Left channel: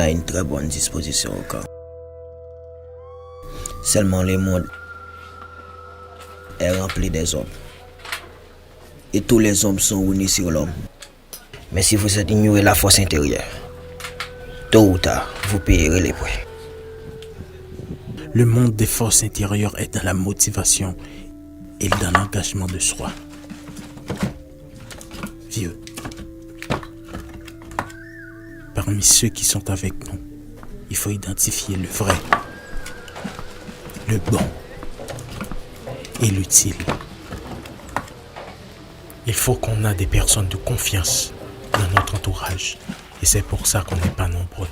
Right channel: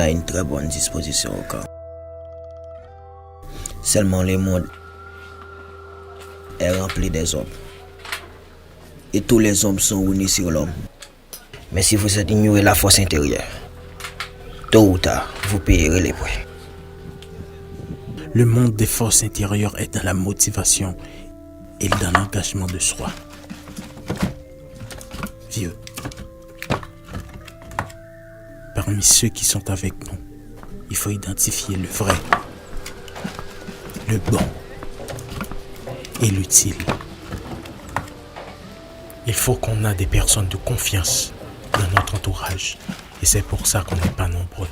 a une très bonne disposition au camp. Seulement le monde est rempli des hommes. Et tous les hommes sont unis sur l'homme. Mais si vous ignorez la force intérieure, tôt ou tard, vous payerez les prix. Le monde des forces intérieures est dans la motivation et dans l'engagement de soi. Vieux, parmi ceux qui sont avec nous, il faut identifier le vrai, le bon et l'utile. Il faut qu'on ait des personnes de confiance dans notre entourage et c'est pour ça qu'on n'est pas nombreux.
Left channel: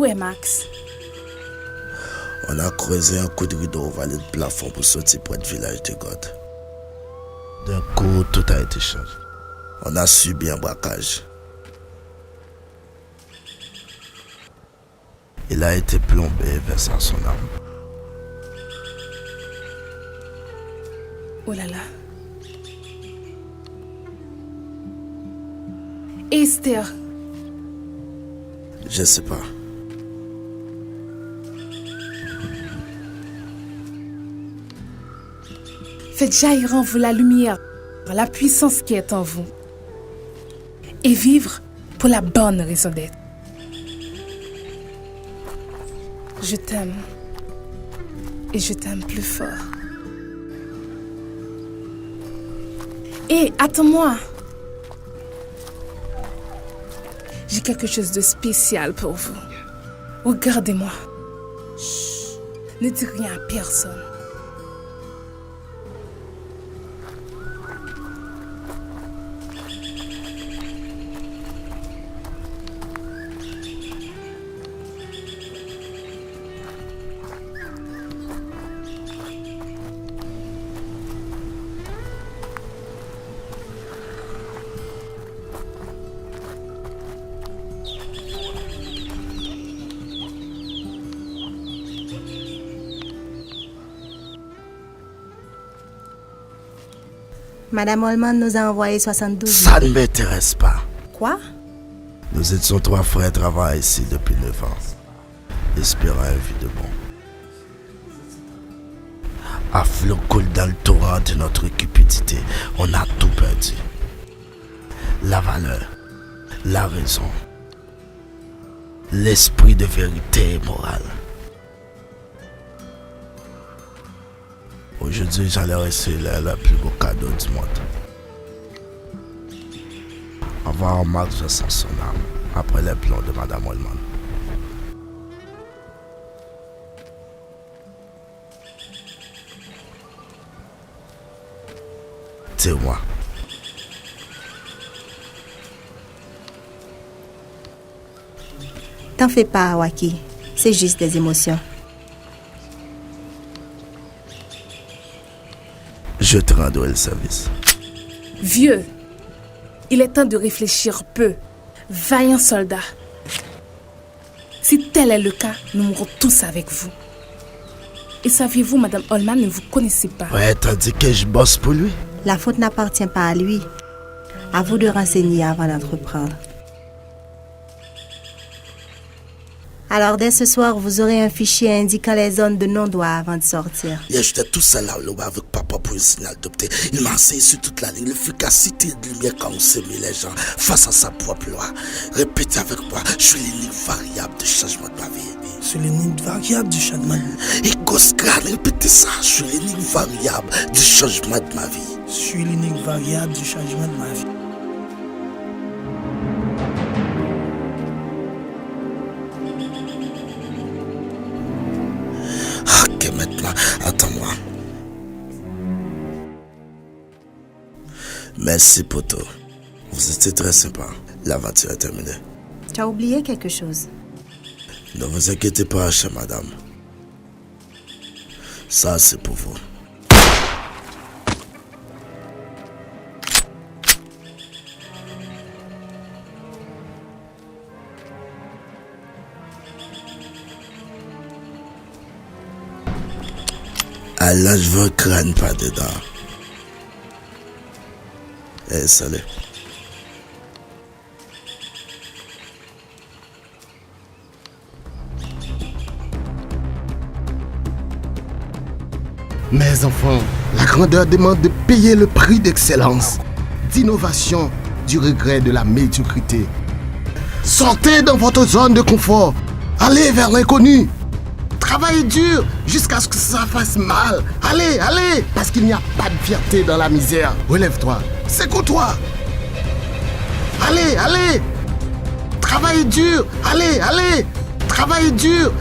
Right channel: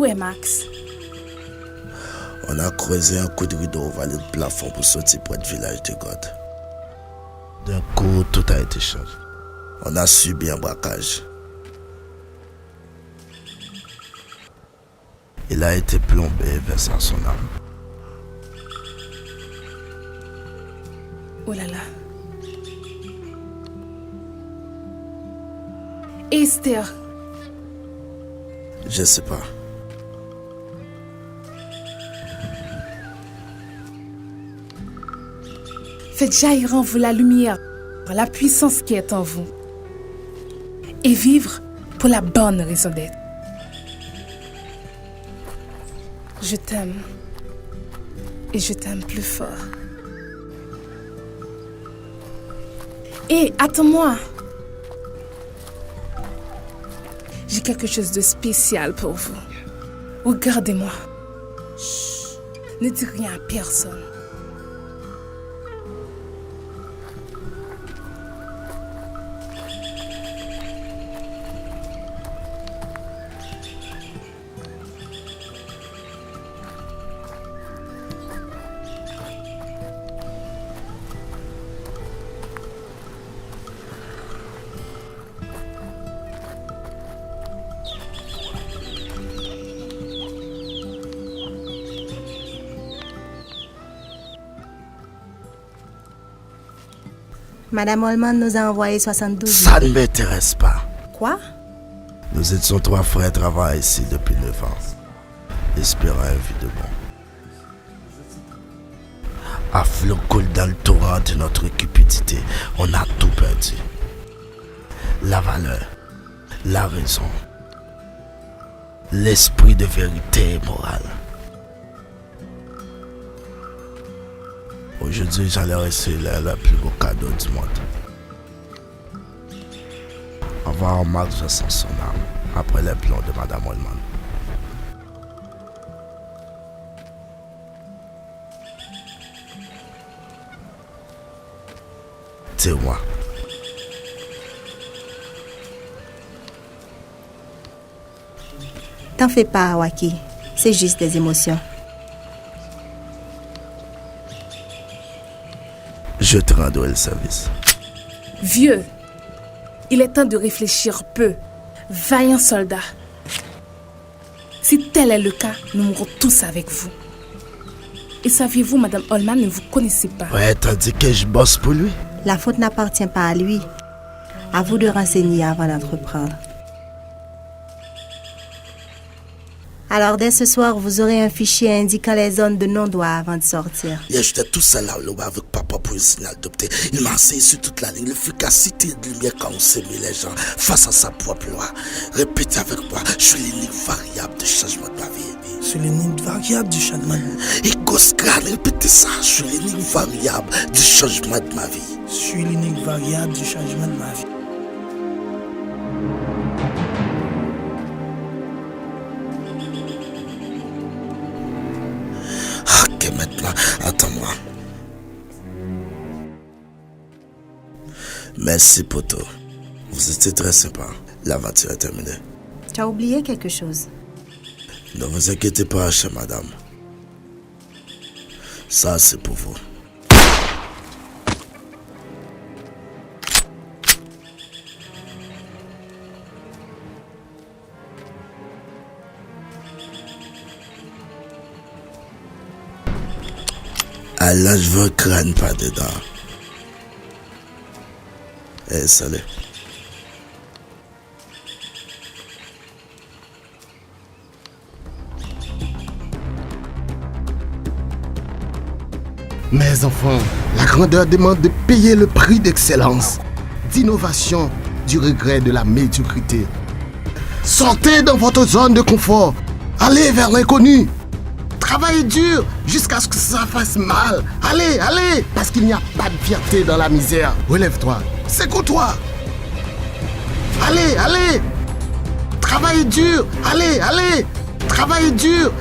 Où est Max? On a creusé un coup de rideau au vallée de plafond pour sortir près du village de God. D'un coup, tout a été changé. On a subi un braquage. Il a été plombé, versant son âme. Oh là là. Esther, Je sais pas. faites jaillir en vous la lumière, la puissance qui est en vous. Et vivre pour la bonne raison d'être. Je t'aime. Et je t'aime plus fort. Hé, attends-moi. J'ai quelque chose de spécial pour vous. Regardez-moi. Chut, ne dis rien à personne. Madame Holman nous a envoyé 72 Ça ne m'intéresse pas. Quoi? Nous étions 3 frères travaillant ici depuis 9 ans, espérant un vie de bon. À flot coule dans le torrent de notre cupidité, on a tout perdu. La valeur, la raison, l'esprit de vérité et morale. Aujourd'hui, j'allais recevoir le plus beau cadeau du monde. Avoir Max sans son âme après les plans de Madame Holman. C'est moi. T'en fais pas, Waki. C'est juste des émotions. Je te rendrai le service. Vieux, il est temps de réfléchir peu. Vaillant soldat. Si tel est le cas, nous mourrons tous avec vous. Et saviez-vous, Madame Holman ne vous connaissez pas. Ouais, tandis que je bosse pour lui. La faute n'appartient pas à lui. À vous de renseigner avant d'entreprendre. Alors, dès ce soir, vous aurez un fichier indiquant les zones de non-droit avant de sortir. Hier, j'étais tout seul là avec papa pour un signal adopté. Il m'a enseigné sur toute la ligne l'efficacité de lumière quand on s'est mis les gens face à sa propre loi. Répétez avec moi, je suis l'unique variable de changement de ma vie. Je suis l'unique variable du changement de ma vie. Et Goscan, répétez ça, je suis l'unique variable du changement de ma vie. Je suis l'unique variable du changement de ma vie. Ok, maintenant, attends-moi. Merci, poto. Vous étiez très sympa. L'aventure est terminée. Tu as oublié quelque chose. Ne vous inquiétez pas, chère madame. Ça, c'est pour vous. Ah là, je veux un crâne pas dedans. Eh, salut. Mes enfants, la grandeur demande de payer le prix d'excellence, d'innovation, du regret de la médiocrité. Sortez dans votre zone de confort. Allez vers l'inconnu. Travaillez dur jusqu'à ce que ça fasse mal. Allez, allez, parce qu'il n'y a pas de fierté dans la misère. Relève-toi, secoue-toi. Allez, allez. Travaillez dur. Allez, allez. Travaillez dur.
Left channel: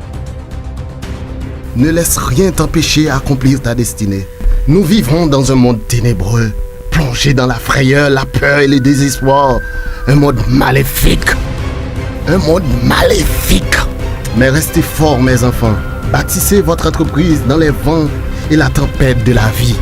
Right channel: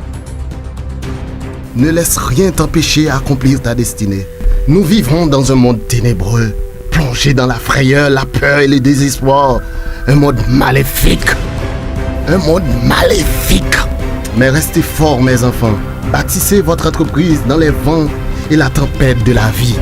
Ne laisse rien t'empêcher à accomplir ta destinée. Nous vivrons dans un monde ténébreux, plongé dans la frayeur, la peur et le désespoir. Un monde maléfique. Un monde maléfique. Mais restez forts, mes enfants. Bâtissez votre entreprise dans les vents et la tempête de la vie.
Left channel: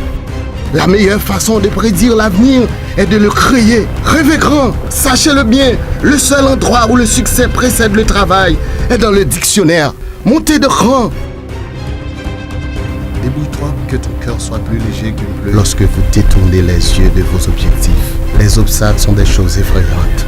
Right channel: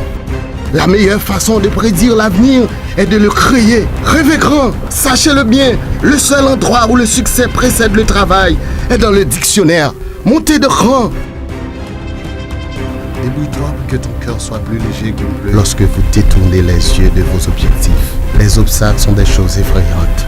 La meilleure façon de prédire l'avenir est de le créer. Rêvez grand, sachez-le bien. Le seul endroit où le succès précède le travail est dans le dictionnaire. Montez de cran. Débrouille-toi pour que ton cœur soit plus léger qu'une pluie lorsque vous détournez les yeux de vos objectifs. Les obstacles sont des choses effrayantes.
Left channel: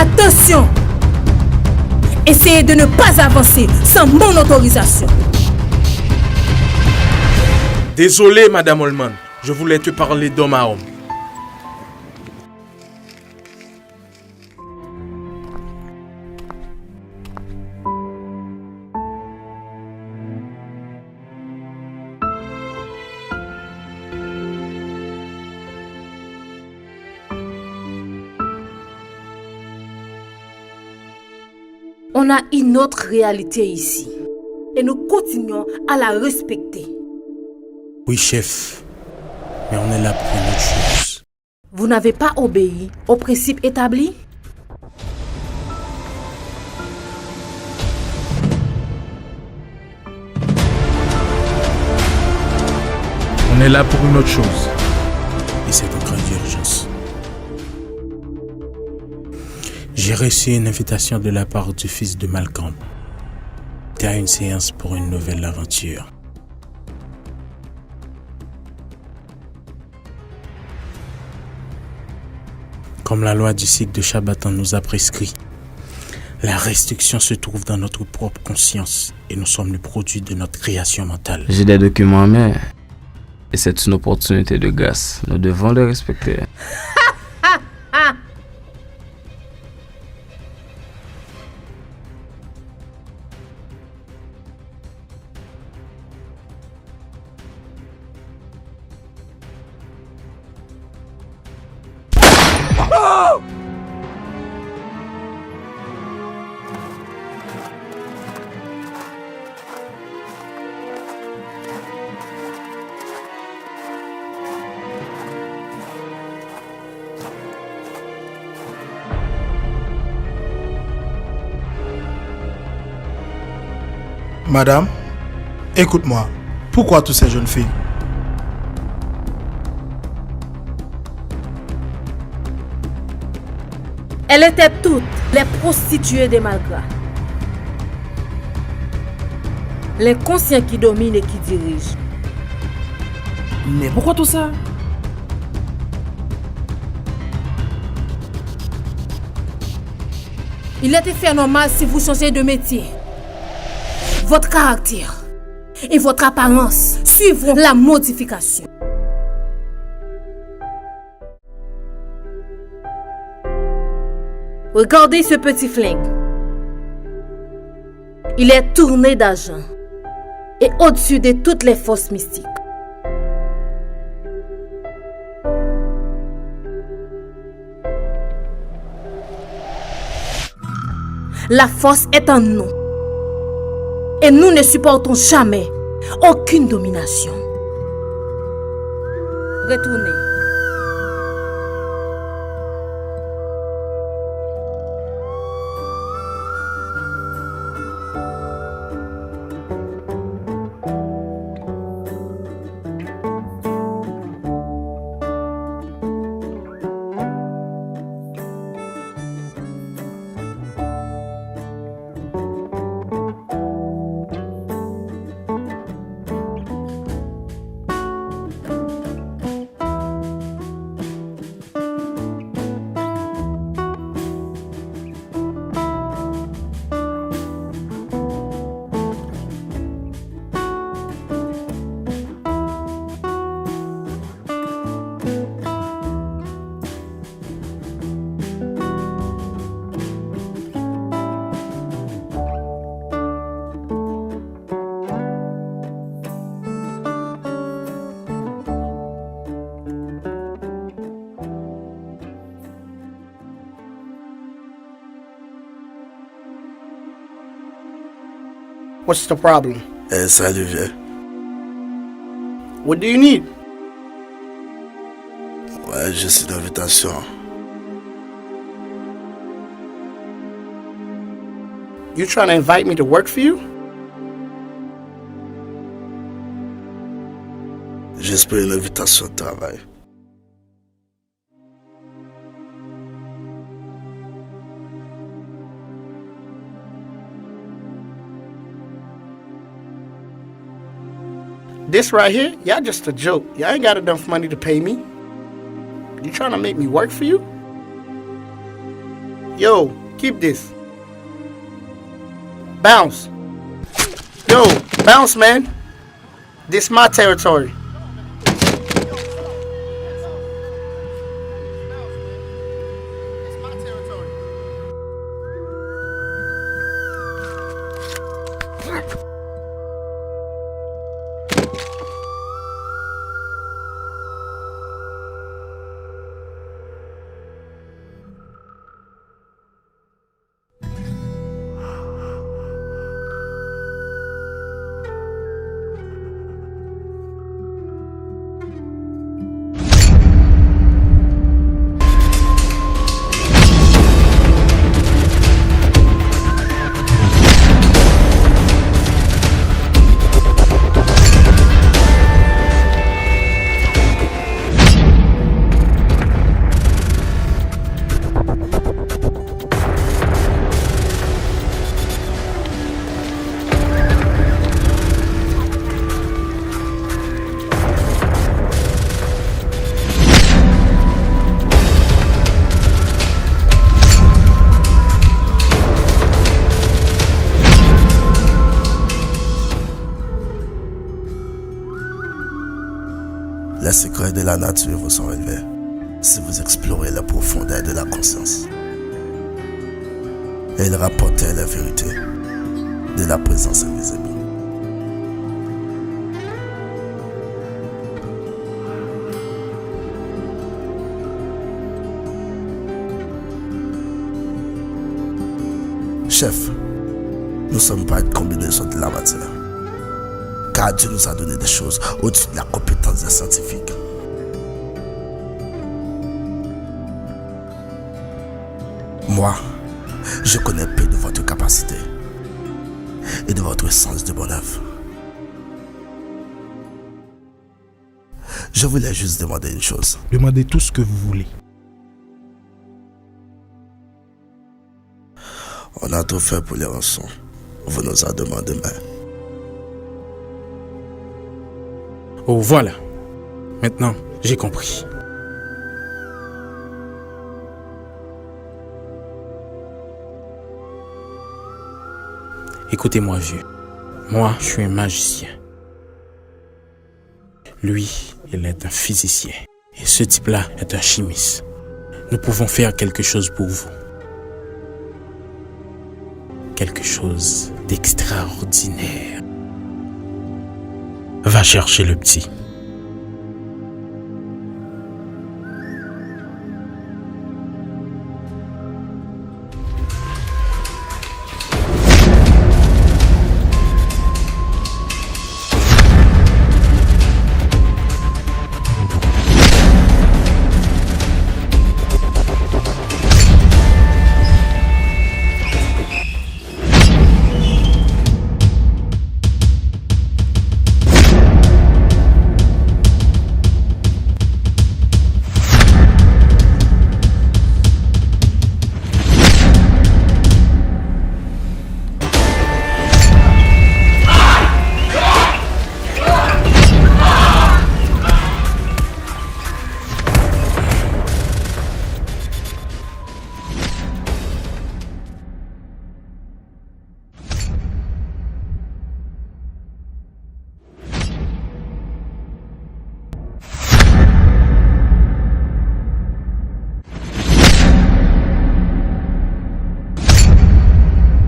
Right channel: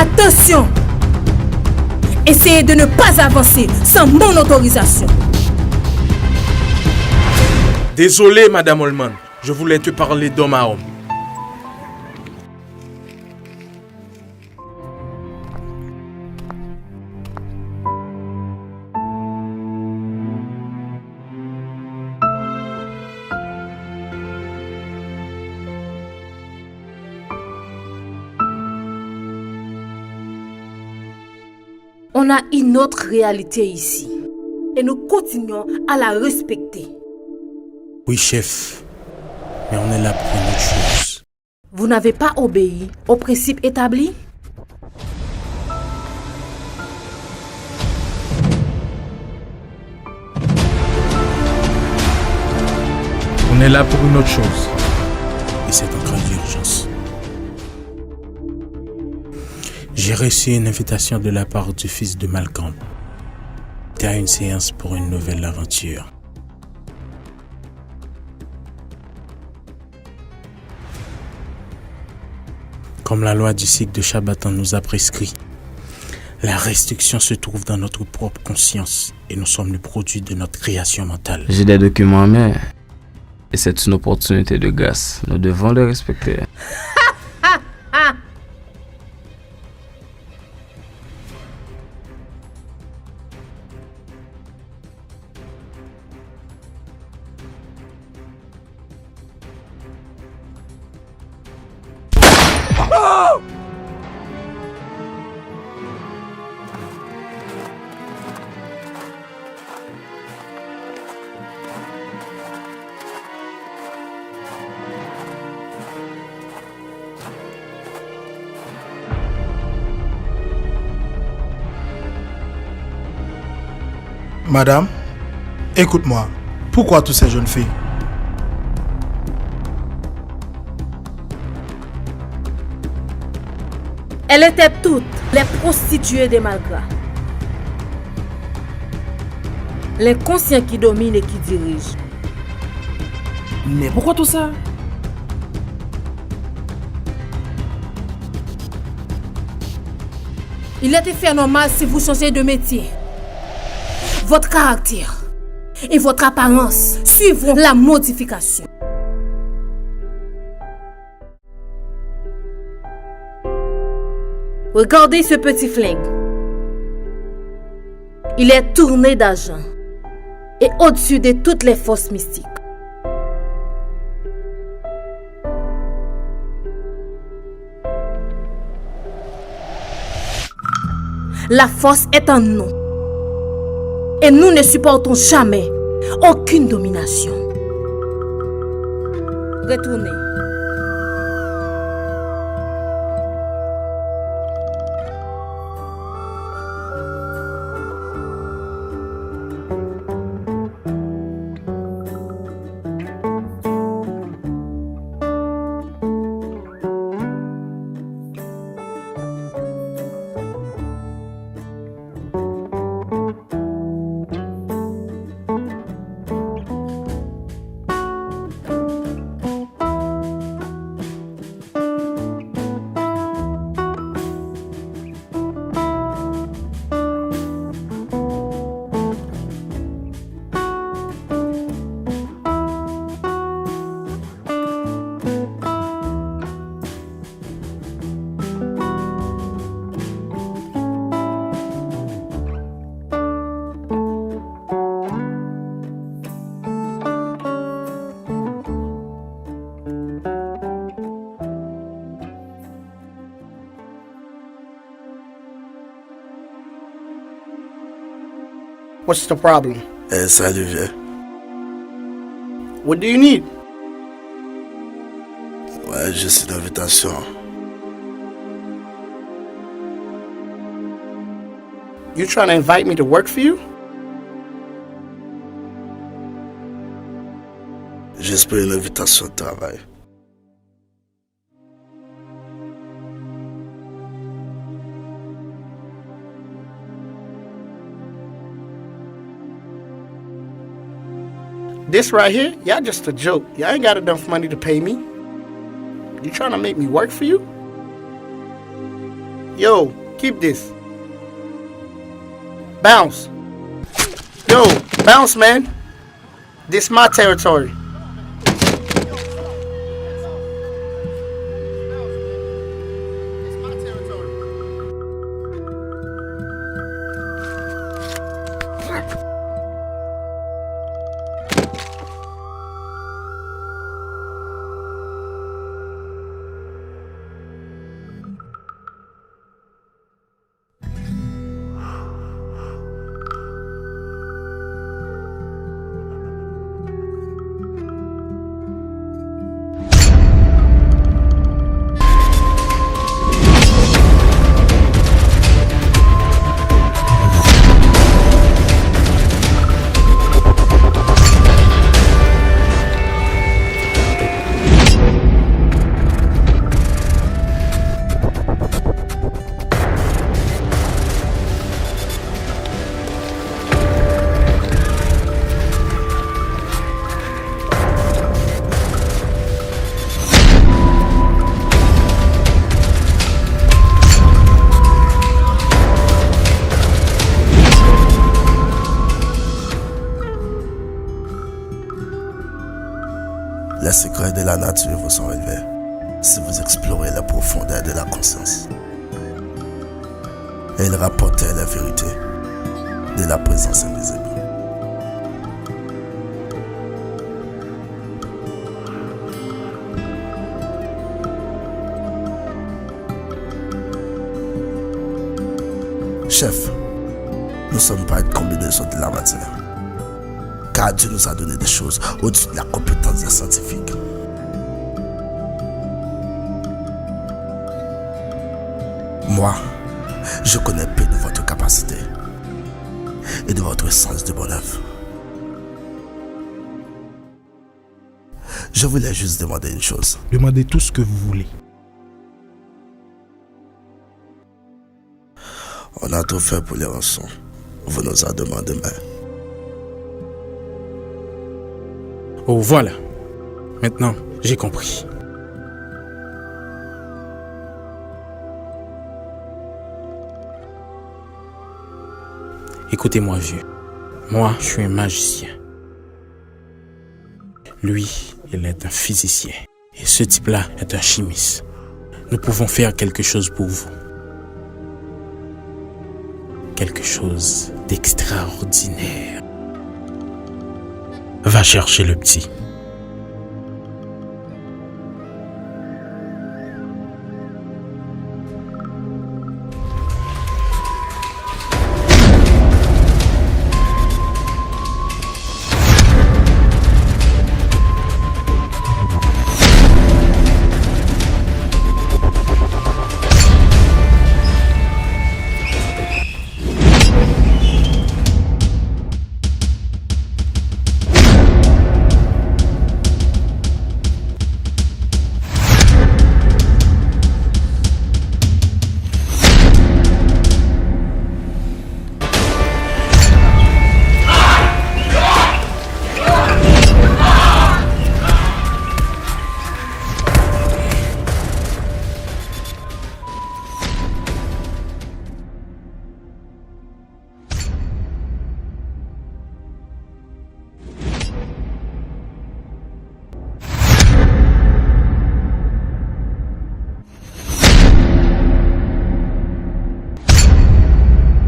Attention! Essayez de ne pas avancer sans mon autorisation. Désolé, Madame Holman. Je voulais te parler d'homme à homme. On a une autre réalité ici. Et nous continuons à la respecter. Oui, chef. Mais on est là pour une autre chose. Vous n'avez pas obéi aux principes établis? On est là pour une autre chose. Et c'est en cas d'urgence. J'ai reçu une invitation de la part du fils de Malcolm. Tu as une séance pour une nouvelle aventure. Comme la loi du cycle de Shabbaton nous a prescrit, la restriction se trouve dans notre propre conscience et nous sommes le produit de notre création mentale. J'ai des documents en main et c'est une opportunité de grâce. Nous devons les respecter. Madame, écoute-moi. Pourquoi toutes ces jeunes filles? Elles étaient toutes les prostituées des Malgras. Les conscients qui dominent et qui dirigent. Mais pourquoi tout ça? Il était fait normal si vous changez de métier. Votre caractère et votre apparence suivront la modification. Regardez ce petit flingue. Il est tourné d'argent et au-dessus de toutes les forces mystiques. La force est en nous. Et nous ne supportons jamais aucune domination. Retournez. What's the problem? Salut, vieux. What do you need? Ouais, juste une invitation. You trying to invite me to work for you? Juste pour une invitation de travail. This right here, y'all just a joke. Y'all ain't got enough money to pay me. You trying to make me work for you? Yo, keep this. Bounce. Yo, bounce, man. This my territory. Les secrets de la nature vous sont relevés si vous explorez la profondeur de la conscience. Et il rapportait la vérité de la présence invisible. Chef, nous ne sommes pas une combinaison de la matière. Car Dieu nous a donné des choses au-dessus de la compétence des scientifiques. Moi, je connais peu de votre capacité et de votre sens de bonne œuvre. Je voulais juste demander une chose. Demandez tout ce que vous voulez. On a tout fait pour les rançons. Vous nous en demandez demain. Oh, voilà. Maintenant, j'ai compris. Écoutez-moi, vieux. Moi, je suis un magicien. Lui, il est un physicien. Et ce type-là est un chimiste. Nous pouvons faire quelque chose pour vous. Quelque chose d'extraordinaire. Va chercher le petit.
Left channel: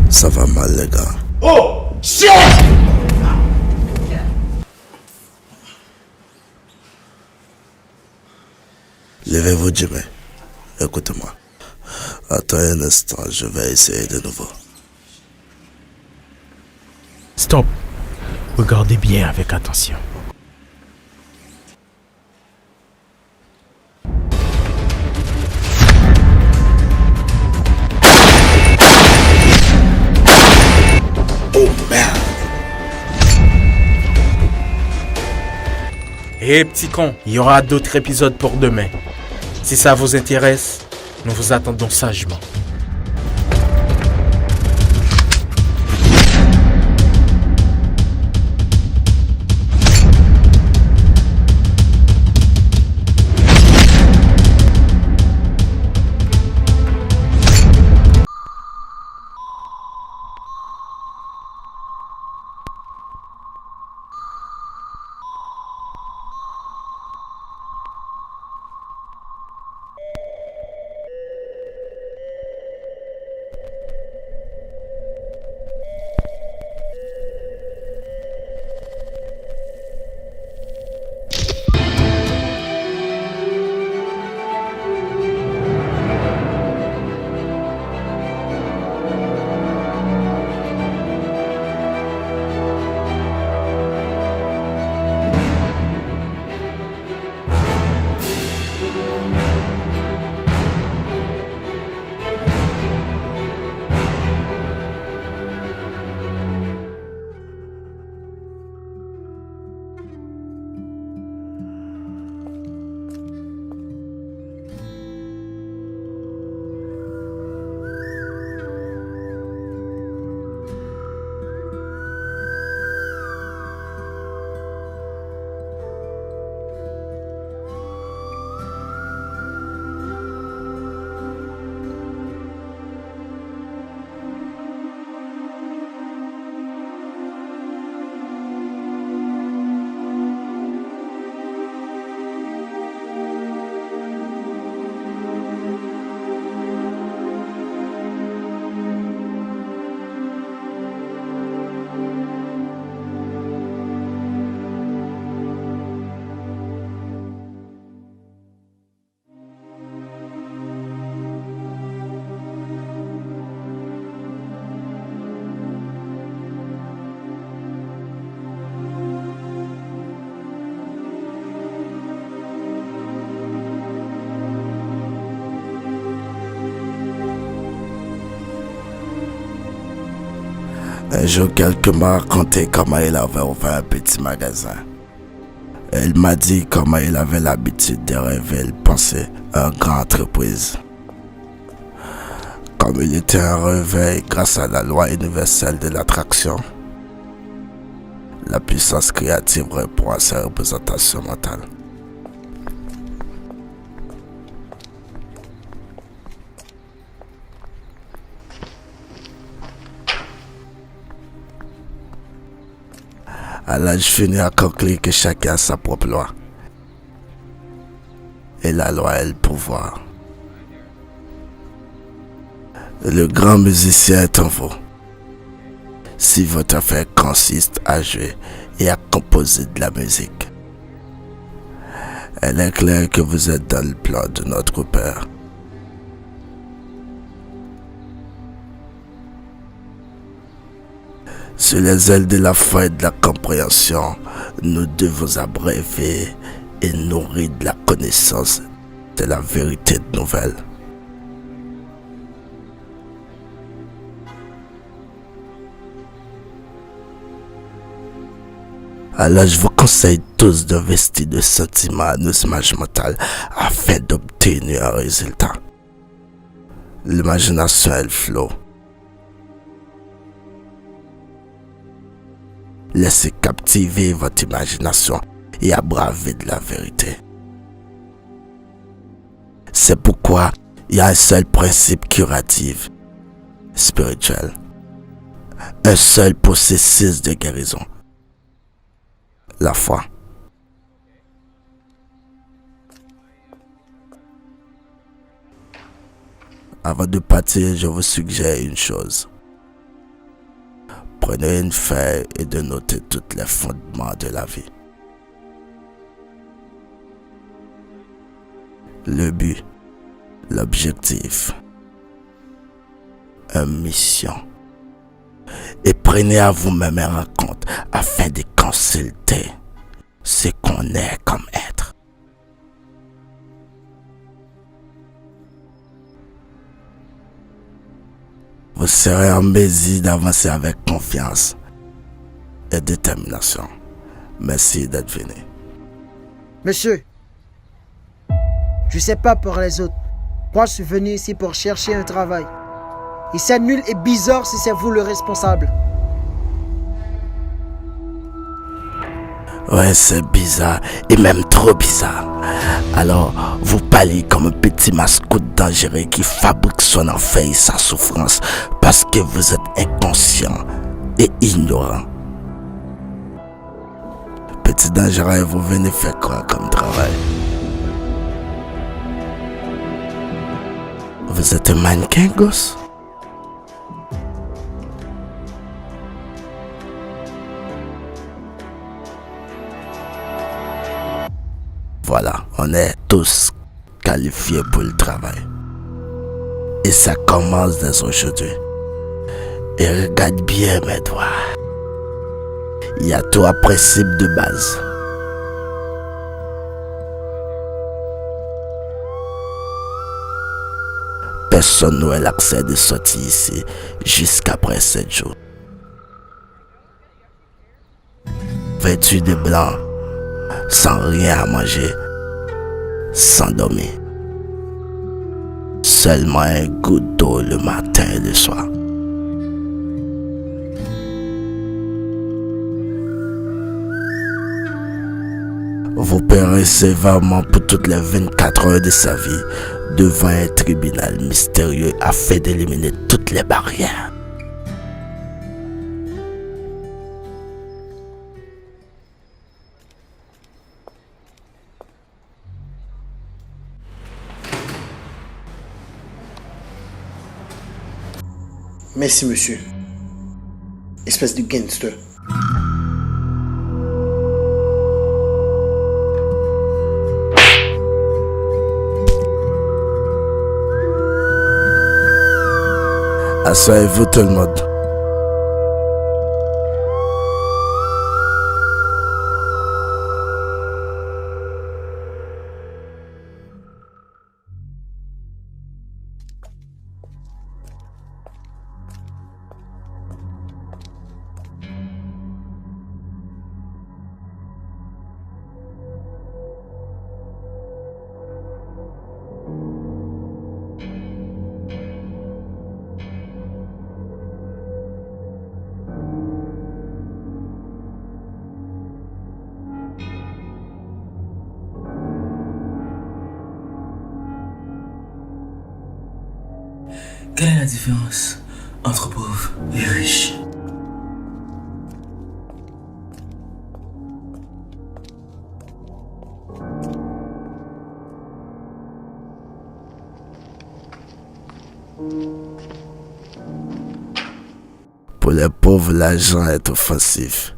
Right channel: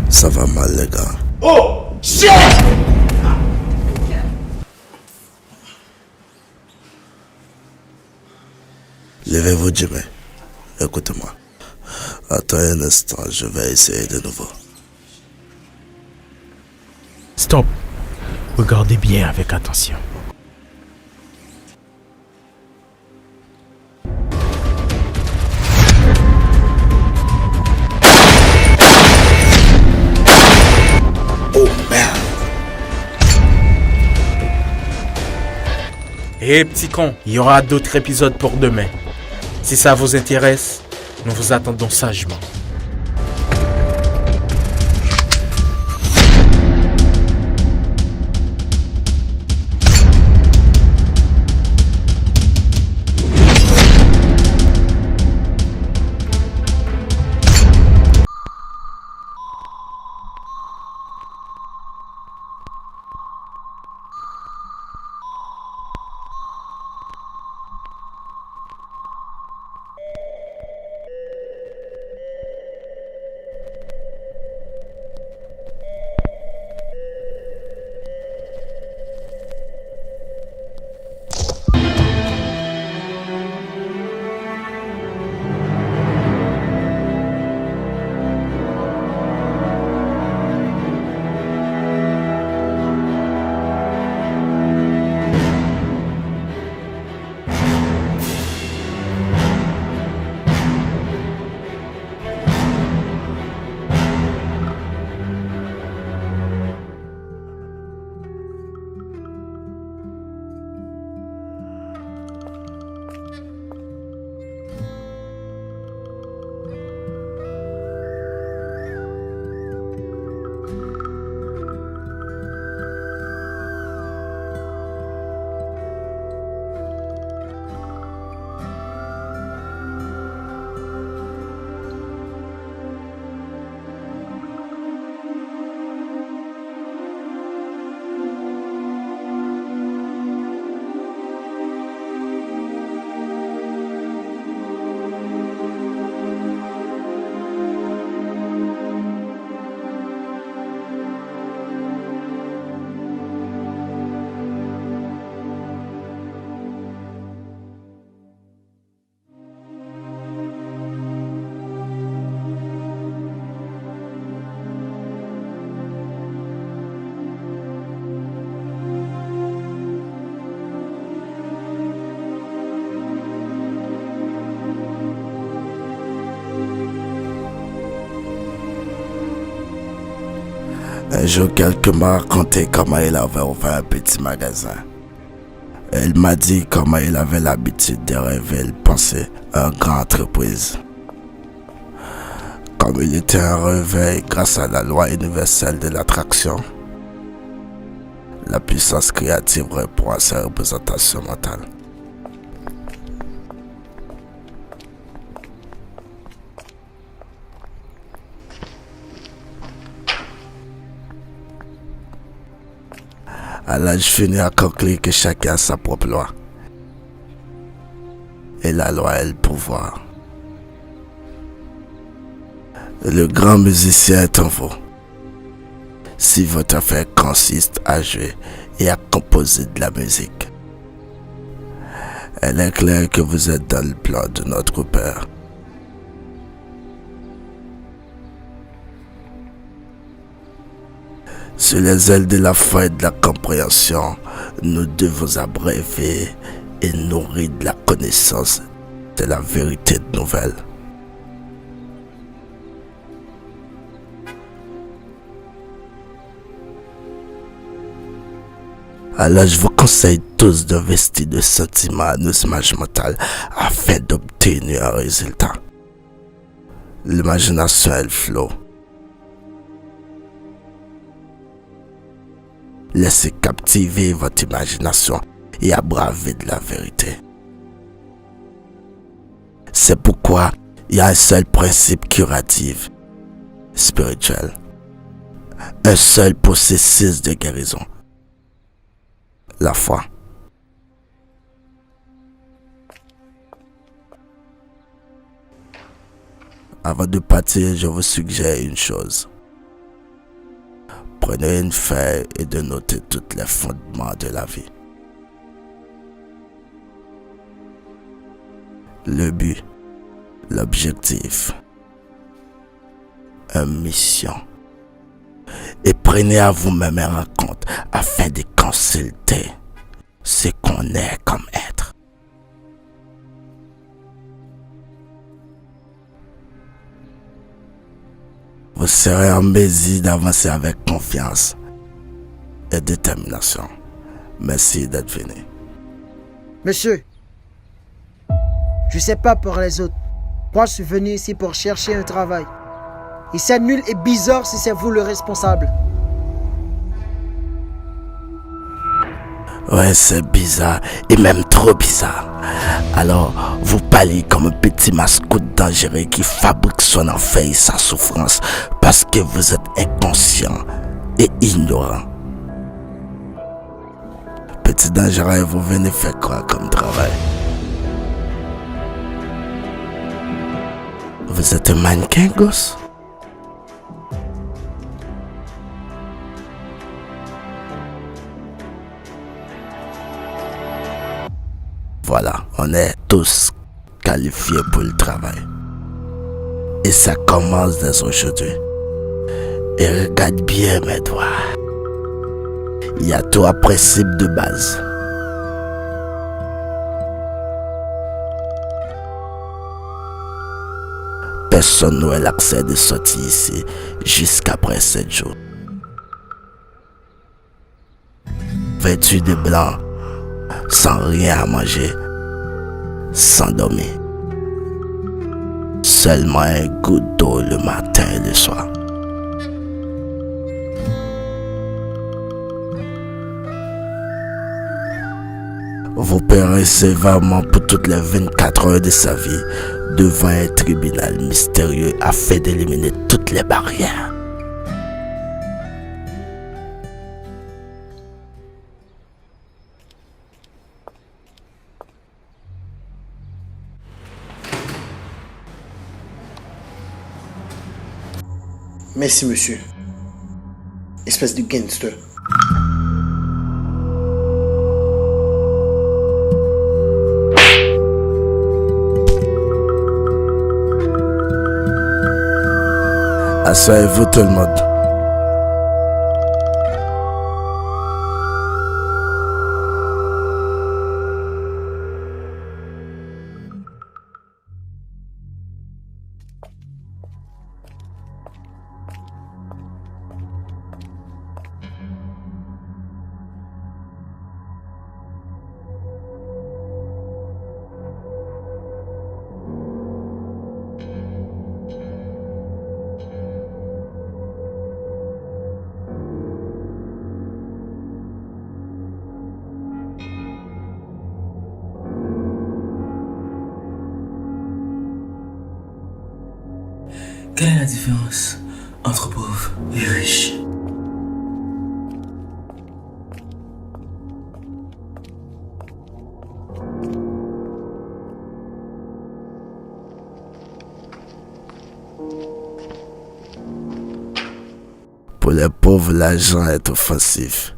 Ça va mal, les gars. Oh, shit! Levez-vous, Jimmy. Écoutez-moi. Attends un instant, je vais essayer de nouveau. Stop. Regardez bien avec attention. Oh merde! Hé, petit con, il y aura d'autres épisodes pour demain. Si ça vous intéresse, nous vous attendons sagement. Un jour, quelqu'un m'a raconté comment il avait ouvert un petit magasin. Il m'a dit comment il avait l'habitude de rêver et penser à une grande entreprise. Comme il était un réveil grâce à la loi universelle de l'attraction, la puissance créative répond à ses représentations mentales. À l'âge fini à conclure que chacun a sa propre loi. Et la loi est le pouvoir. Le grand musicien est en vous. Si votre affaire consiste à jouer et à composer de la musique, elle est claire que vous êtes dans le plan de notre Père. Sur les ailes de la foi et de la compréhension, nous devons abreuver et nourrir de la connaissance de la vérité nouvelle. Alors je vous conseille tous d'investir de sentiments à nos images mentales afin d'obtenir un résultat. L'imagination est le flot. Laissez captiver votre imagination et abraver de la vérité. C'est pourquoi il y a un seul principe curatif, spirituel. Un seul processus de guérison. La foi. Avant de partir, je vous suggère une chose. Prenez une feuille et de noter tous les fondements de la vie. Le but, l'objectif, une mission. Et prenez à vous-même un rencontre afin de consulter ce qu'on est comme être. Vous serez en mesure d'avancer avec confiance et détermination. Merci d'être venu. Monsieur, je sais pas pour les autres. Moi, je suis venu ici pour chercher un travail. Et c'est nul et bizarre si c'est vous le responsable. Ouais, c'est bizarre et même trop bizarre. Alors, vous parlez comme un petit mascotte dangereux qui fabrique son enfer et sa souffrance parce que vous êtes inconscient et ignorant. Petit dangereux, vous venez faire quoi comme travail? Vous êtes un mannequin, gosse? Voilà, on est tous qualifiés pour le travail. Et ça commence dès aujourd'hui. Et regarde bien mes doigts. Il y a trois principes de base. Personne n'aurait l'accès de sortir ici jusqu'après 7 jours. Vêtu de blanc, sans rien à manger, sans dormir. Seulement un goutte d'eau le matin et le soir. Vous paierez sévèrement pour toutes les 24 heures de sa vie devant un tribunal mystérieux afin d'éliminer toutes les barrières. Merci, monsieur. Espèce de gangster. Asseyez-vous tout le monde. Quelle est la différence entre pauvres et riches? Pour les pauvres, l'argent est offensif.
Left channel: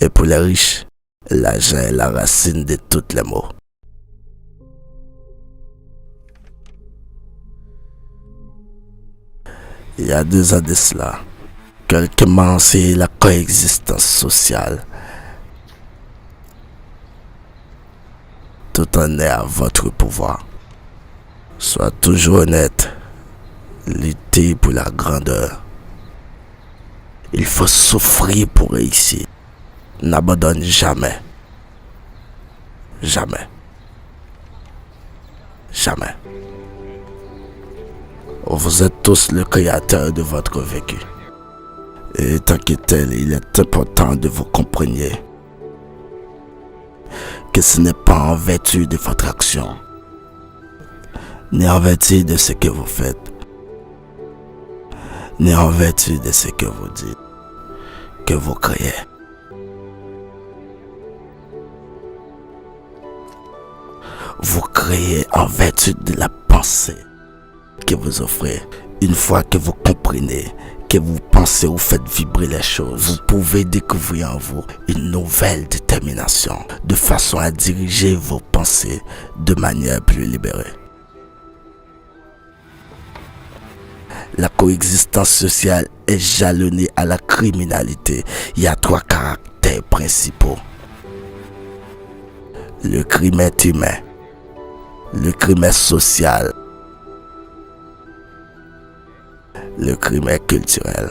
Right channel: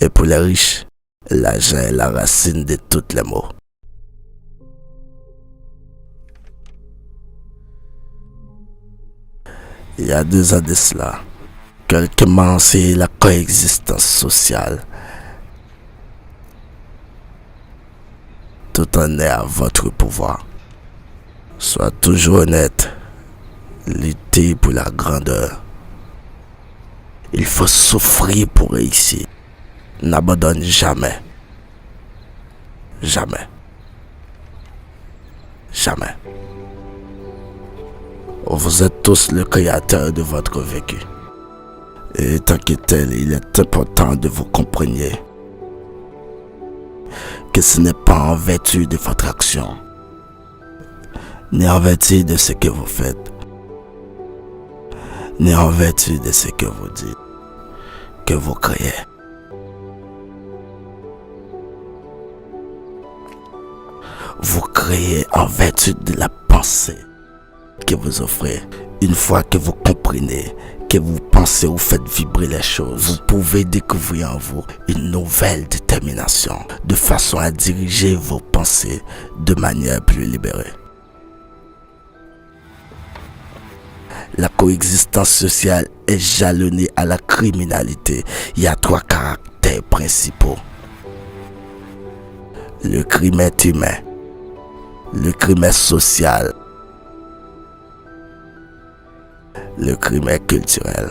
Et pour les riches, l'argent est la racine de tous les maux. Il y a 2 ans de cela, quelqu'un m'a enseigné la coexistence sociale. Tout en est à votre pouvoir. Sois toujours honnête. Luttez pour la grandeur. Il faut souffrir pour réussir. N'abandonne jamais. Jamais. Jamais. Vous êtes tous le créateur de votre vécu. Et tant que tel, il est important de vous compreniez que ce n'est pas en vertu de votre action, ni en vertu de ce que vous faites, ni en vertu de ce que vous dites, que vous créez. Vous créez en vertu de la pensée que vous offrez. Une fois que vous comprenez, que vous pensez ou faites vibrer les choses, vous pouvez découvrir en vous une nouvelle détermination, de façon à diriger vos pensées de manière plus libérée. La coexistence sociale est jalonnée à la criminalité. Il y a 3 caractères principaux. Le crime est humain. Le crime est social. Le crime est culturel.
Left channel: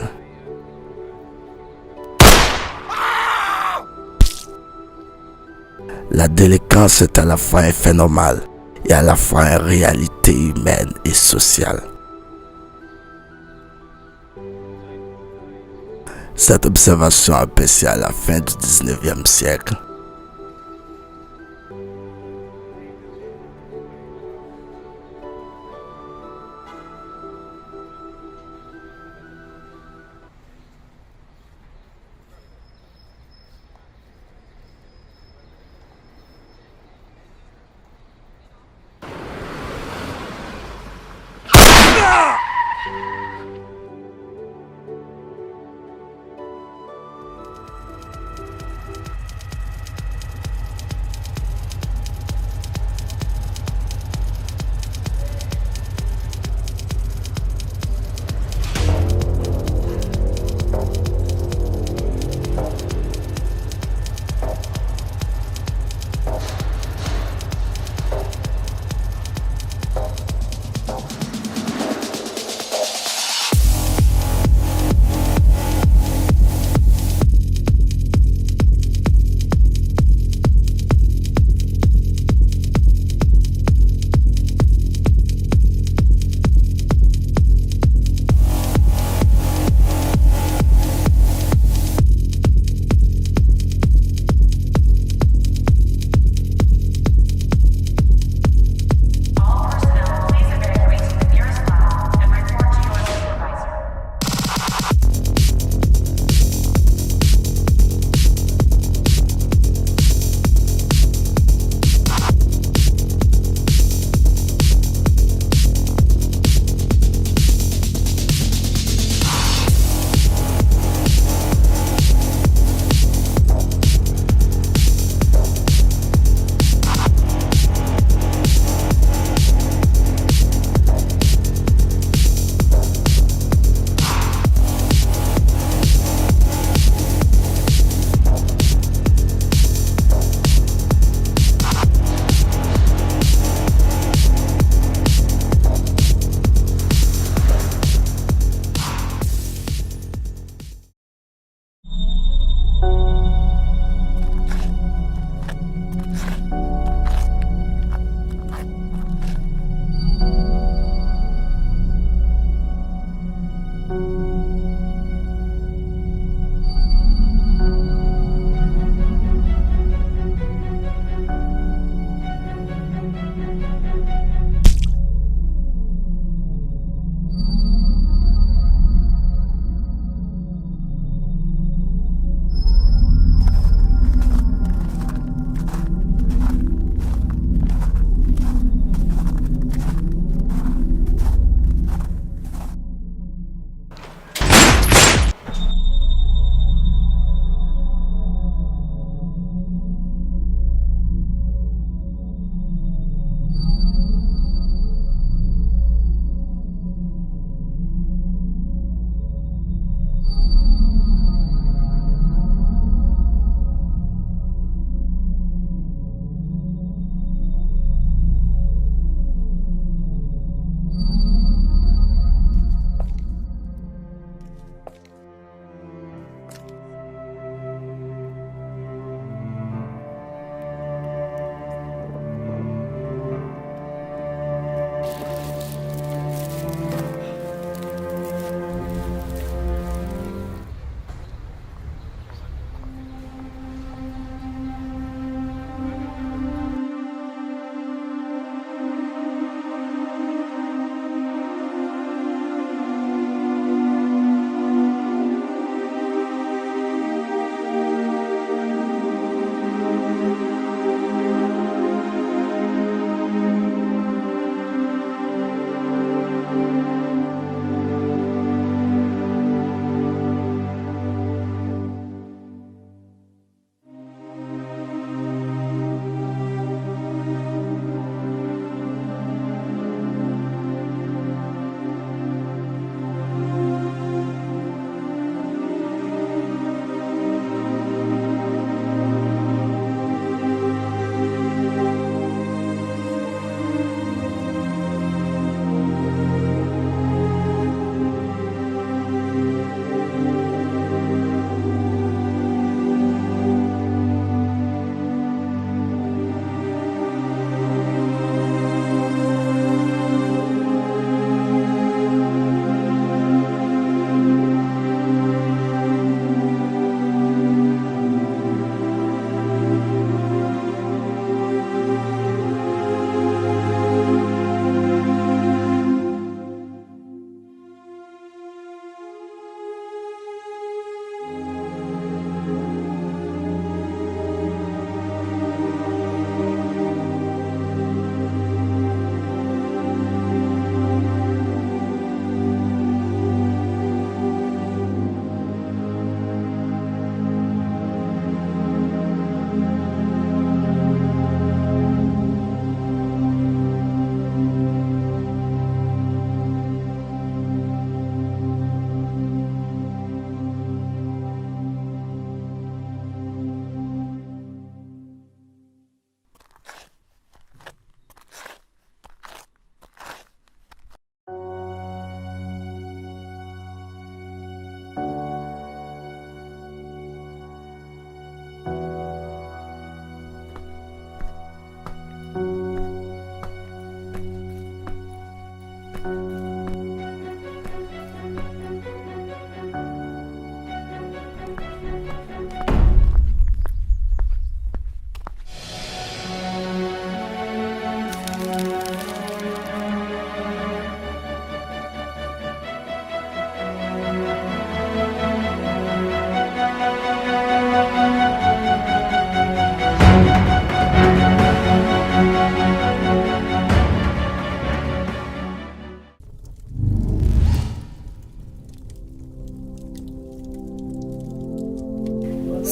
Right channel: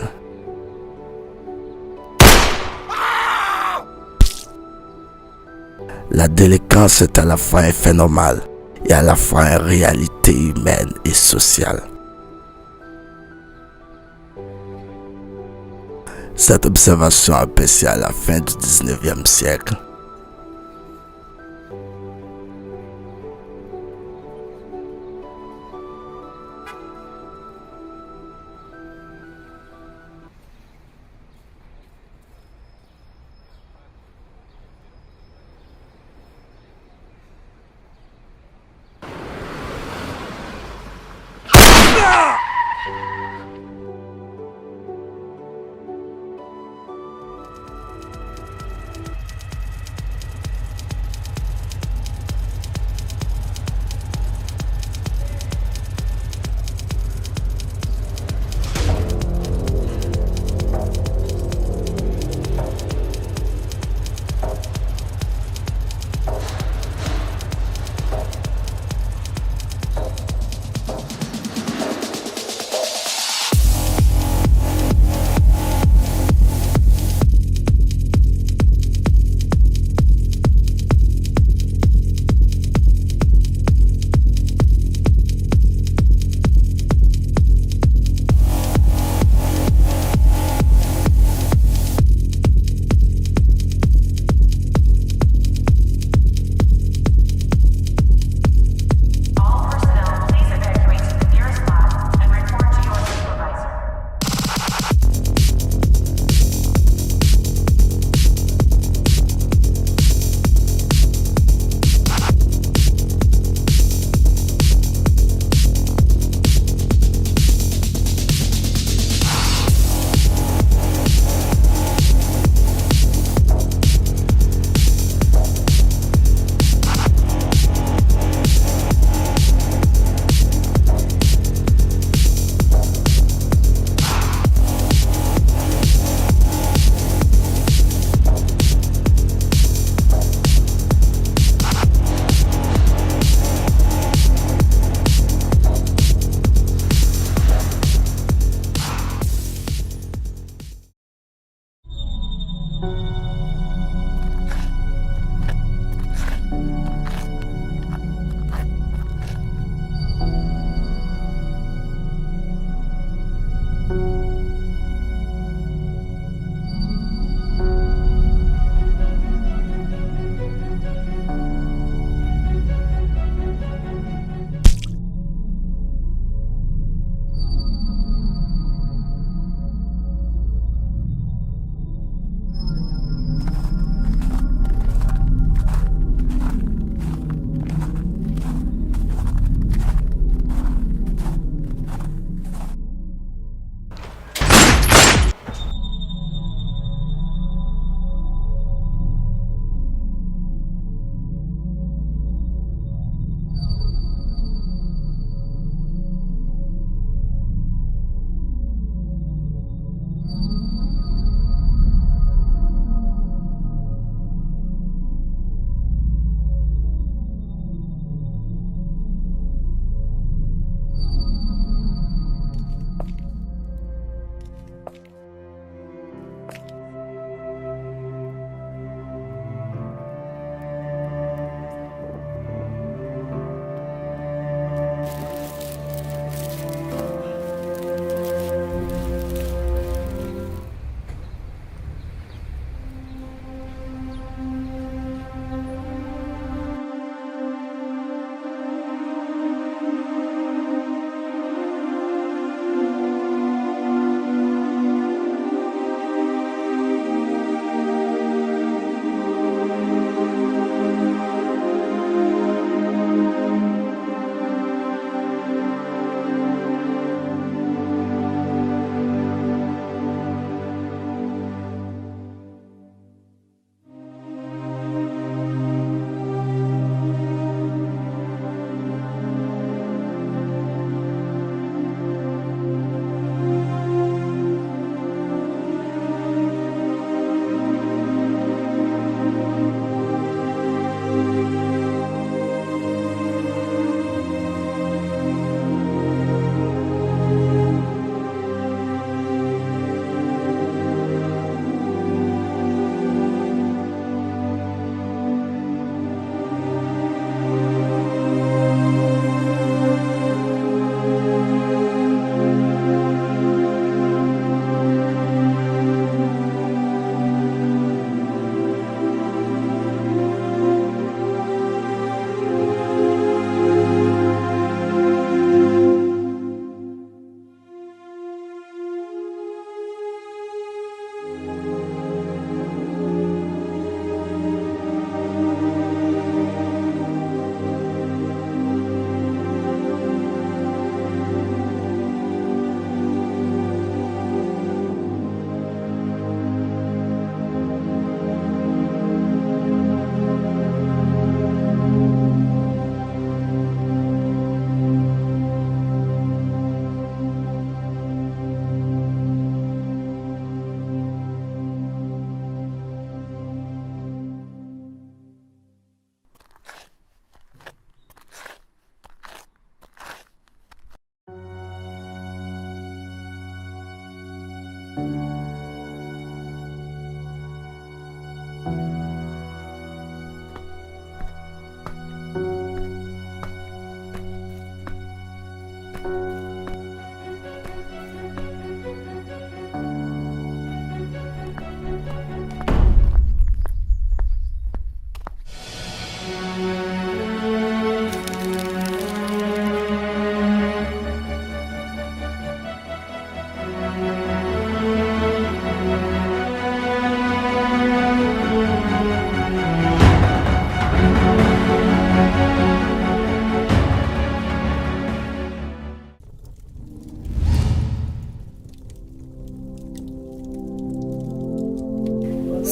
La délinquance est à la fois un fait normal et à la fois une réalité humaine et sociale. Cette observation appréciée à la fin du 19e siècle.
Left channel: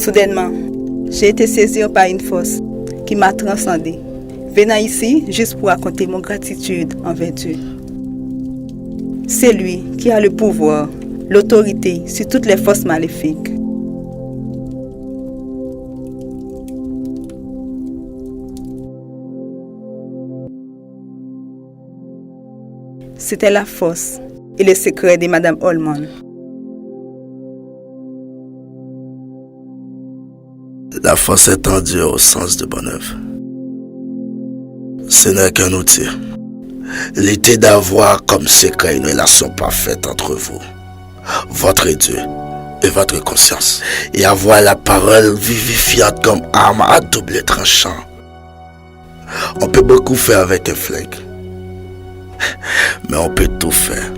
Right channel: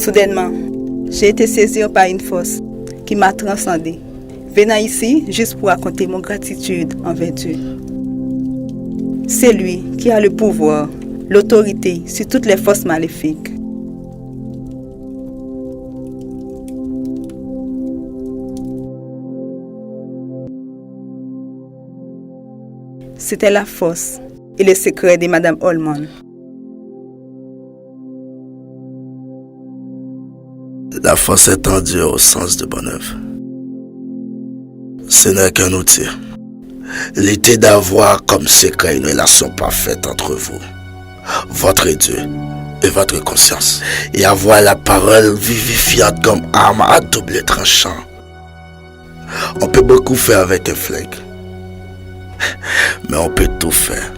Soudainement, j'ai été saisi par une force qui m'a transcendé, venant ici juste pour raconter mon gratitude envers Dieu. C'est lui qui a le pouvoir, l'autorité sur toutes les forces maléfiques. C'était la force et le secret de Madame Holman. La force est tendue au sens de bonne œuvre. Ce n'est qu'un outil. L'idée d'avoir comme secret une relation parfaite entre vous, votre Dieu et votre conscience, et avoir la parole vivifiante comme arme à double tranchant. On peut beaucoup faire avec un flingue, mais on peut tout faire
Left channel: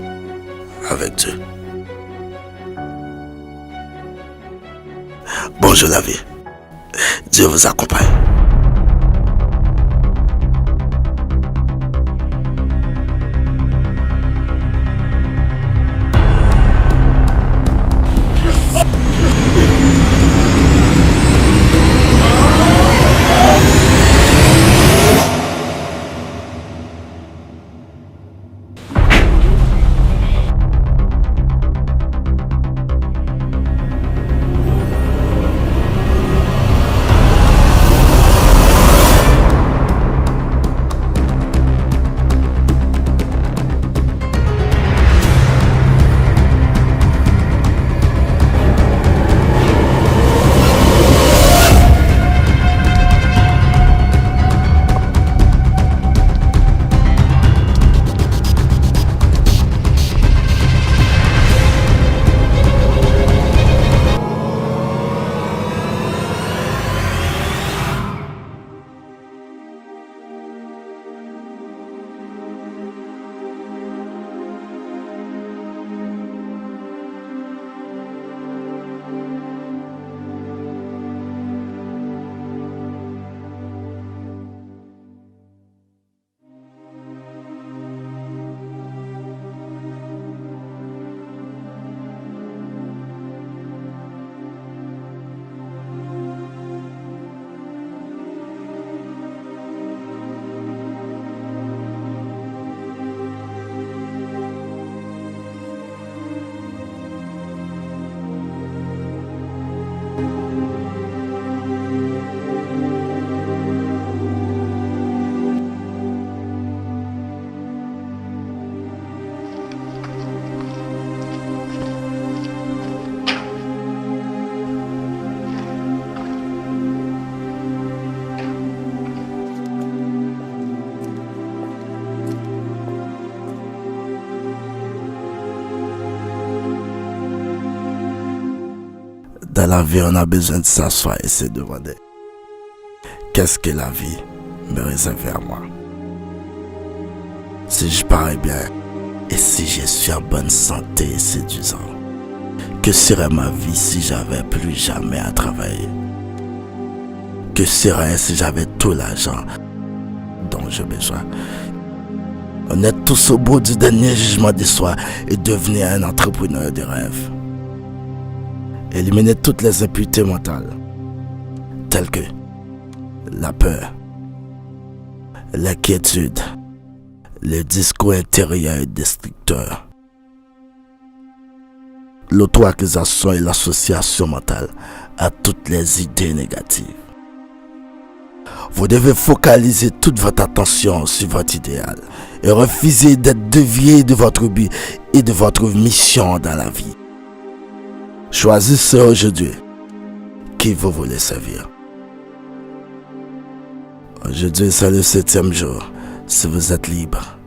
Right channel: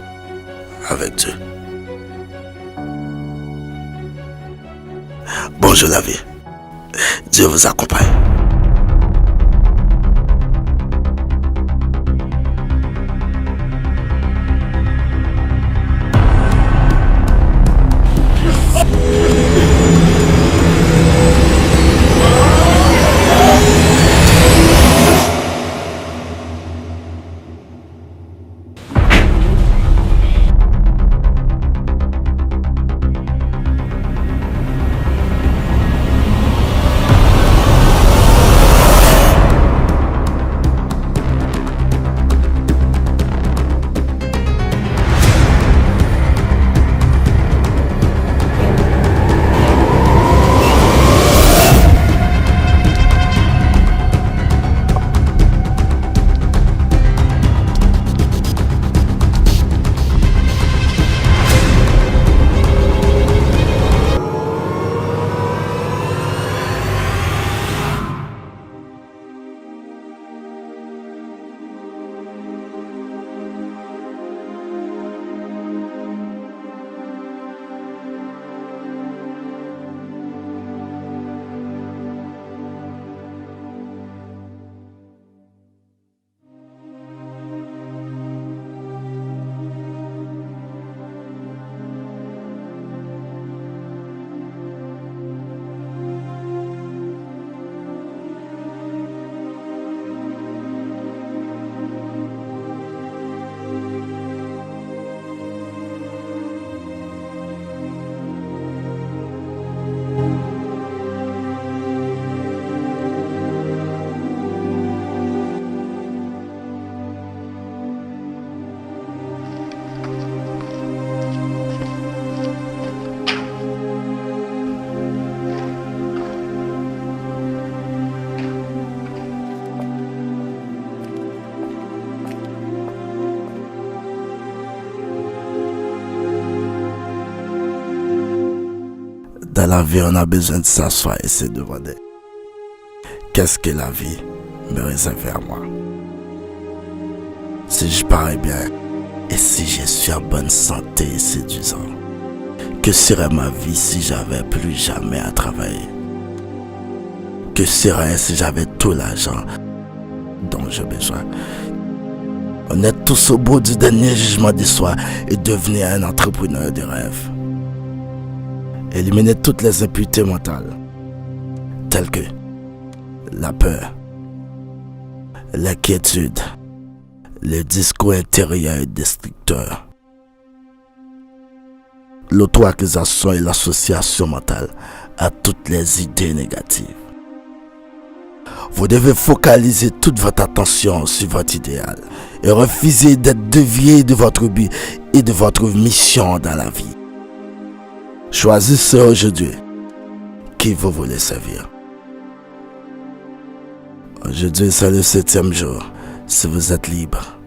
avec Dieu. Bonjour la vie. Dieu vous accompagne. Dans la vie, on a besoin de s'asseoir et se demander qu'est-ce que la vie me réserve à moi. Si je parais bien et si je suis en bonne santé et séduisant, que serait ma vie si j'avais plus jamais à travailler? Que serait si j'avais tout l'argent dont j'ai besoin? On est tous au bout du dernier jugement de soi et devenir un entrepreneur de rêve. Éliminer toutes les impuretés mentales, telles que la peur, l'inquiétude, le discours intérieur destructeur, l'auto-accusation et l'association mentale à toutes les idées négatives. Vous devez focaliser toute votre attention sur votre idéal et refuser d'être dévié de votre but et de votre mission dans la vie. Choisissez aujourd'hui qui vous voulez servir. Aujourd'hui, c'est le 7e jour. Si vous êtes libre,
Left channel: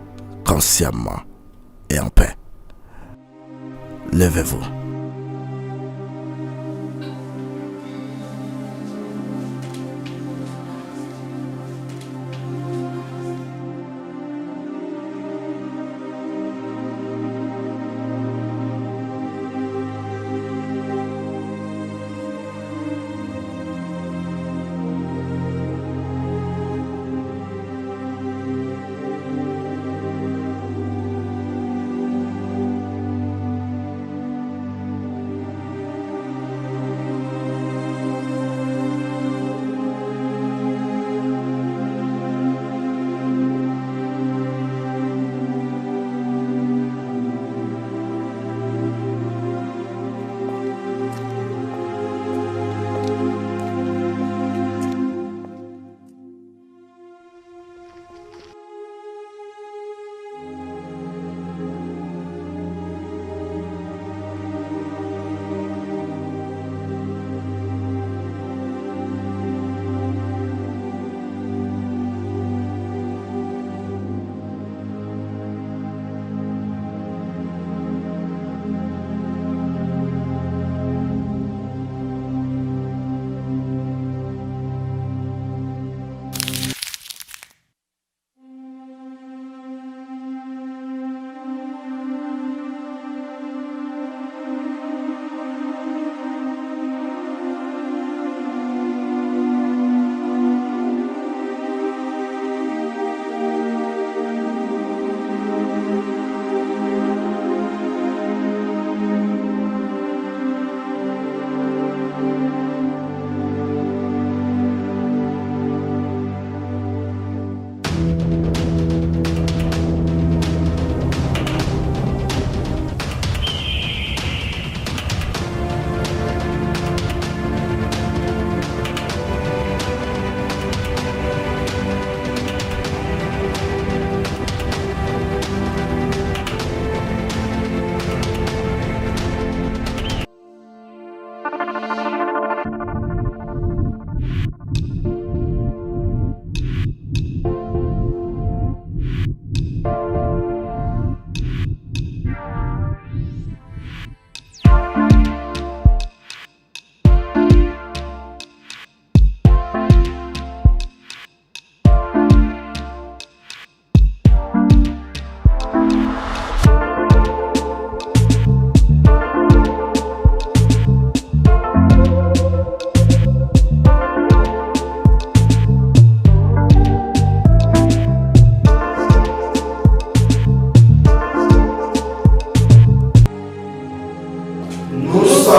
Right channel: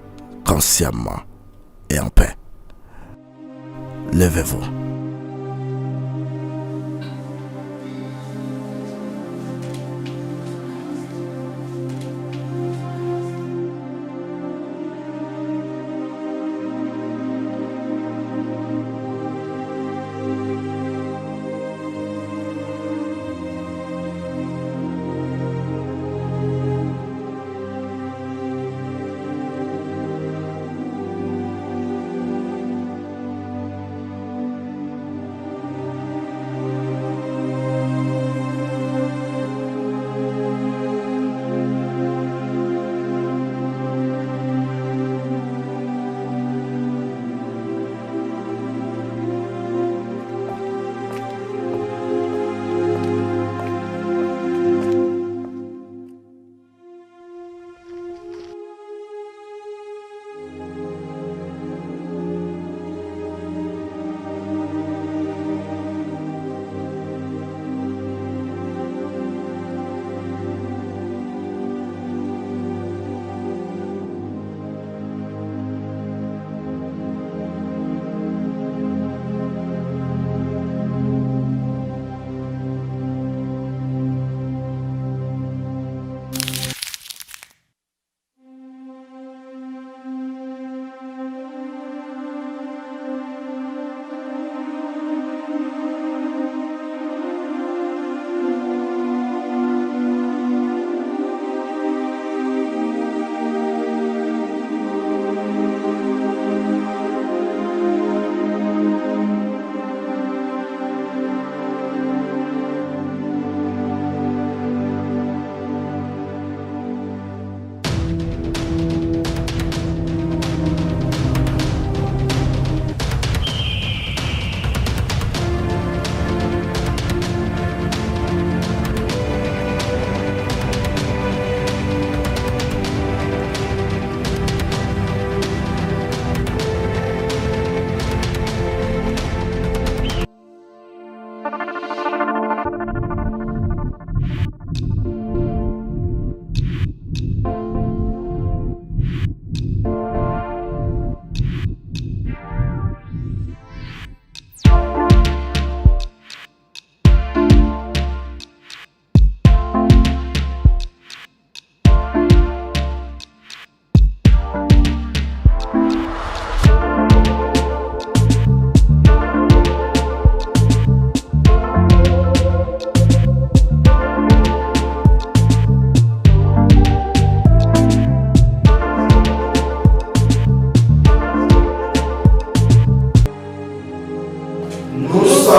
consciemment et en paix, levez-vous.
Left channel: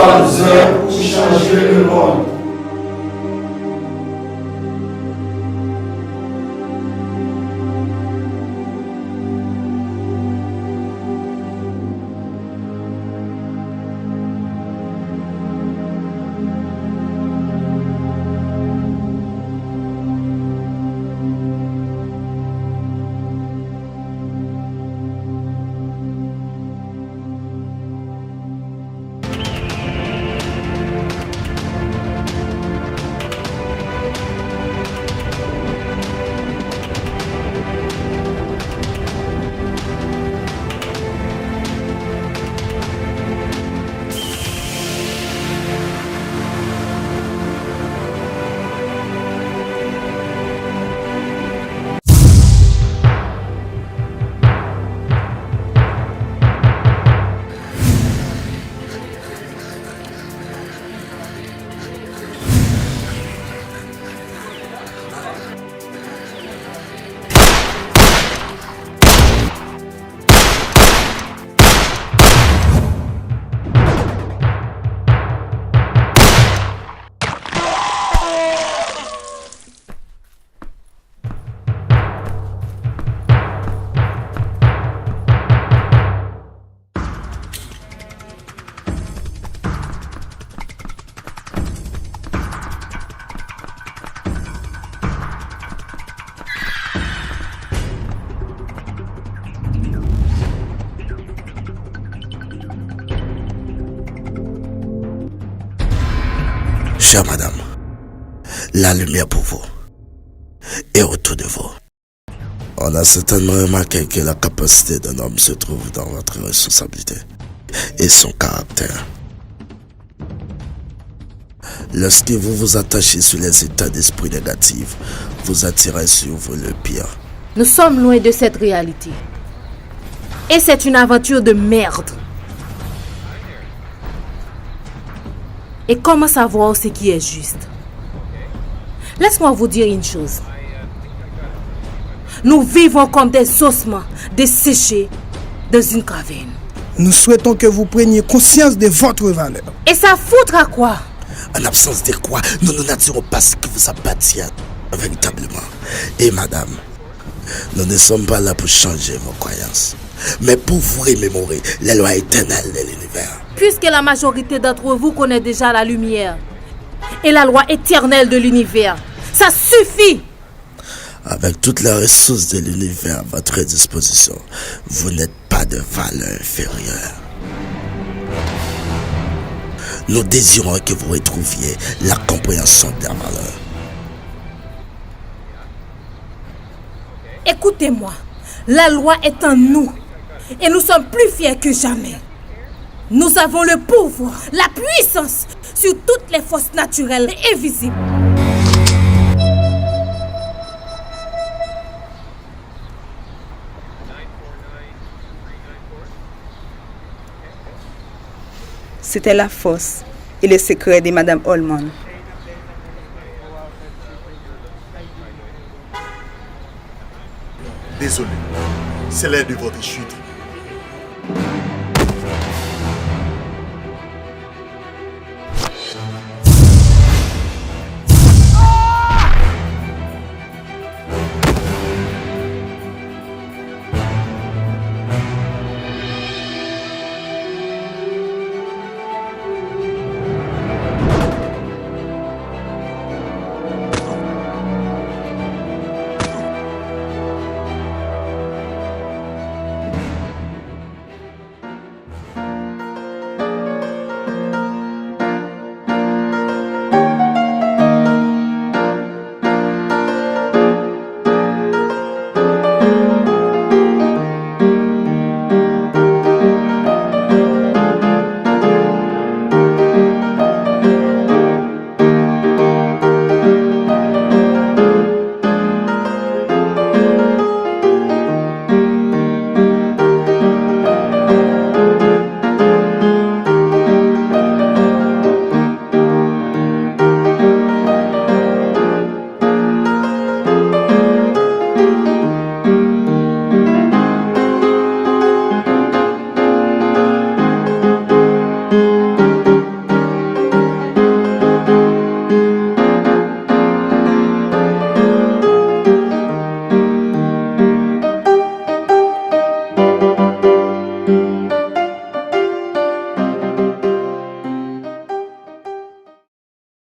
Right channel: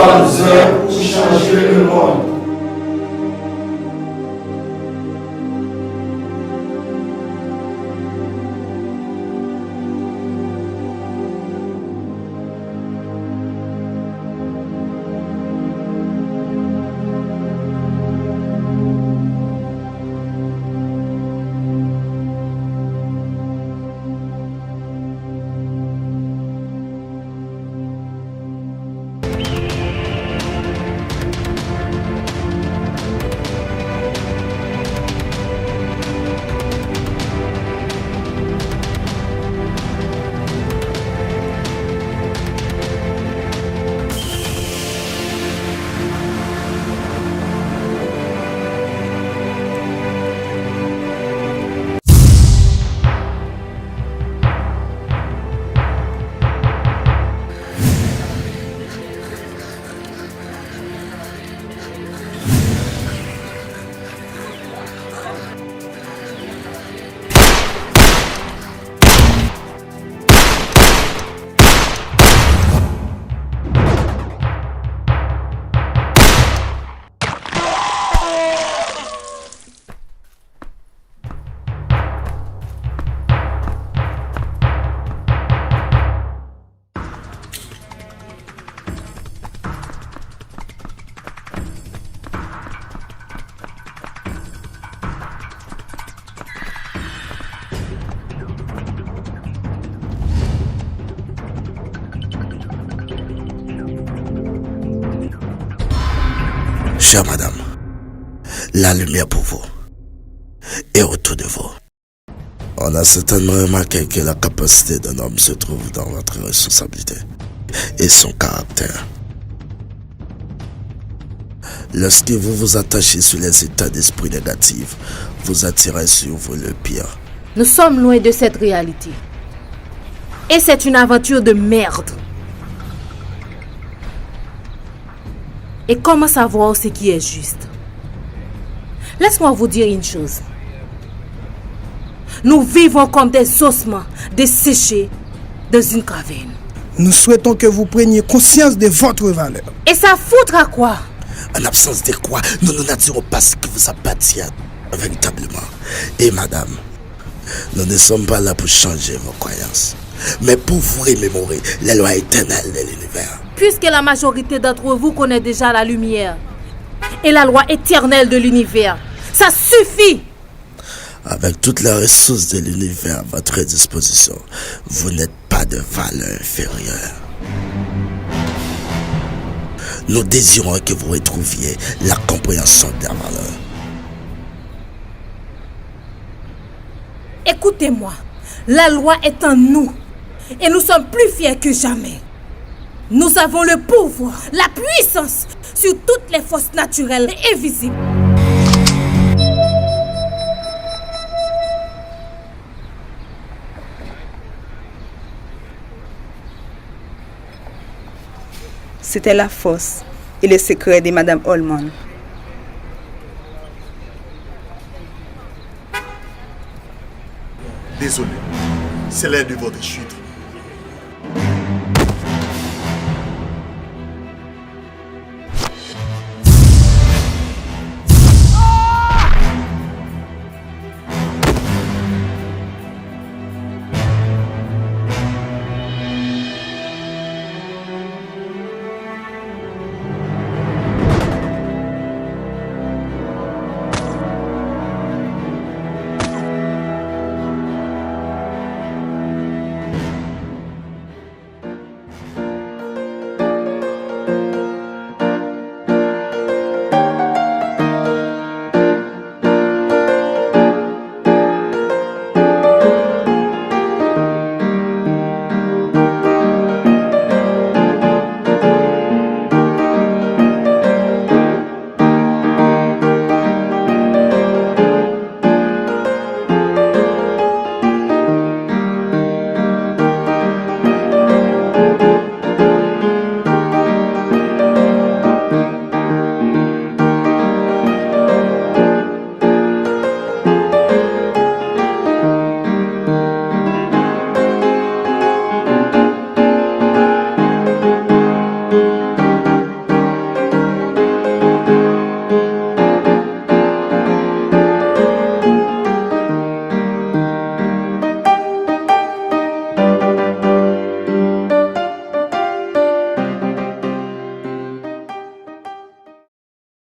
sommes œuvres pour changer le monde. Chère madame, la lumière pour vous et autour de vous. On a certainement remarqué que la capacité d'un homme se trouve dans votre responsabilité et son caractère. Lorsque vous vous attachez sur les états d'esprit négatifs, vous attirez sur vous le pire. Nous sommes loin de cette réalité. Et c'est une aventure de merde. Et comment savoir ce qui est juste? Laisse-moi vous dire une chose. Nous vivons comme des ossements desséchés dans une caverne. Nous souhaitons que vous preniez conscience de votre valeur. Et ça foutra quoi? En absence de quoi, nous ne dirons pas ce qui vous appartient véritablement. Et madame, nous ne sommes pas là pour changer vos croyances, mais pour vous remémorer les lois éternelles de l'univers. Puisque la majorité d'entre vous connaît déjà la lumière et la loi éternelle de l'univers, ça suffit! Avec toutes les ressources de l'univers à votre disposition, vous n'êtes pas de valeur inférieure. Nous désirons que vous retrouviez la compréhension de la valeur. Écoutez-moi, la loi est en nous et nous sommes plus fiers que jamais. Nous avons le pouvoir, la puissance sur toutes les forces naturelles et invisibles. C'était la force et le secret de Madame Holman. Désolé, c'est l'heure de votre chute.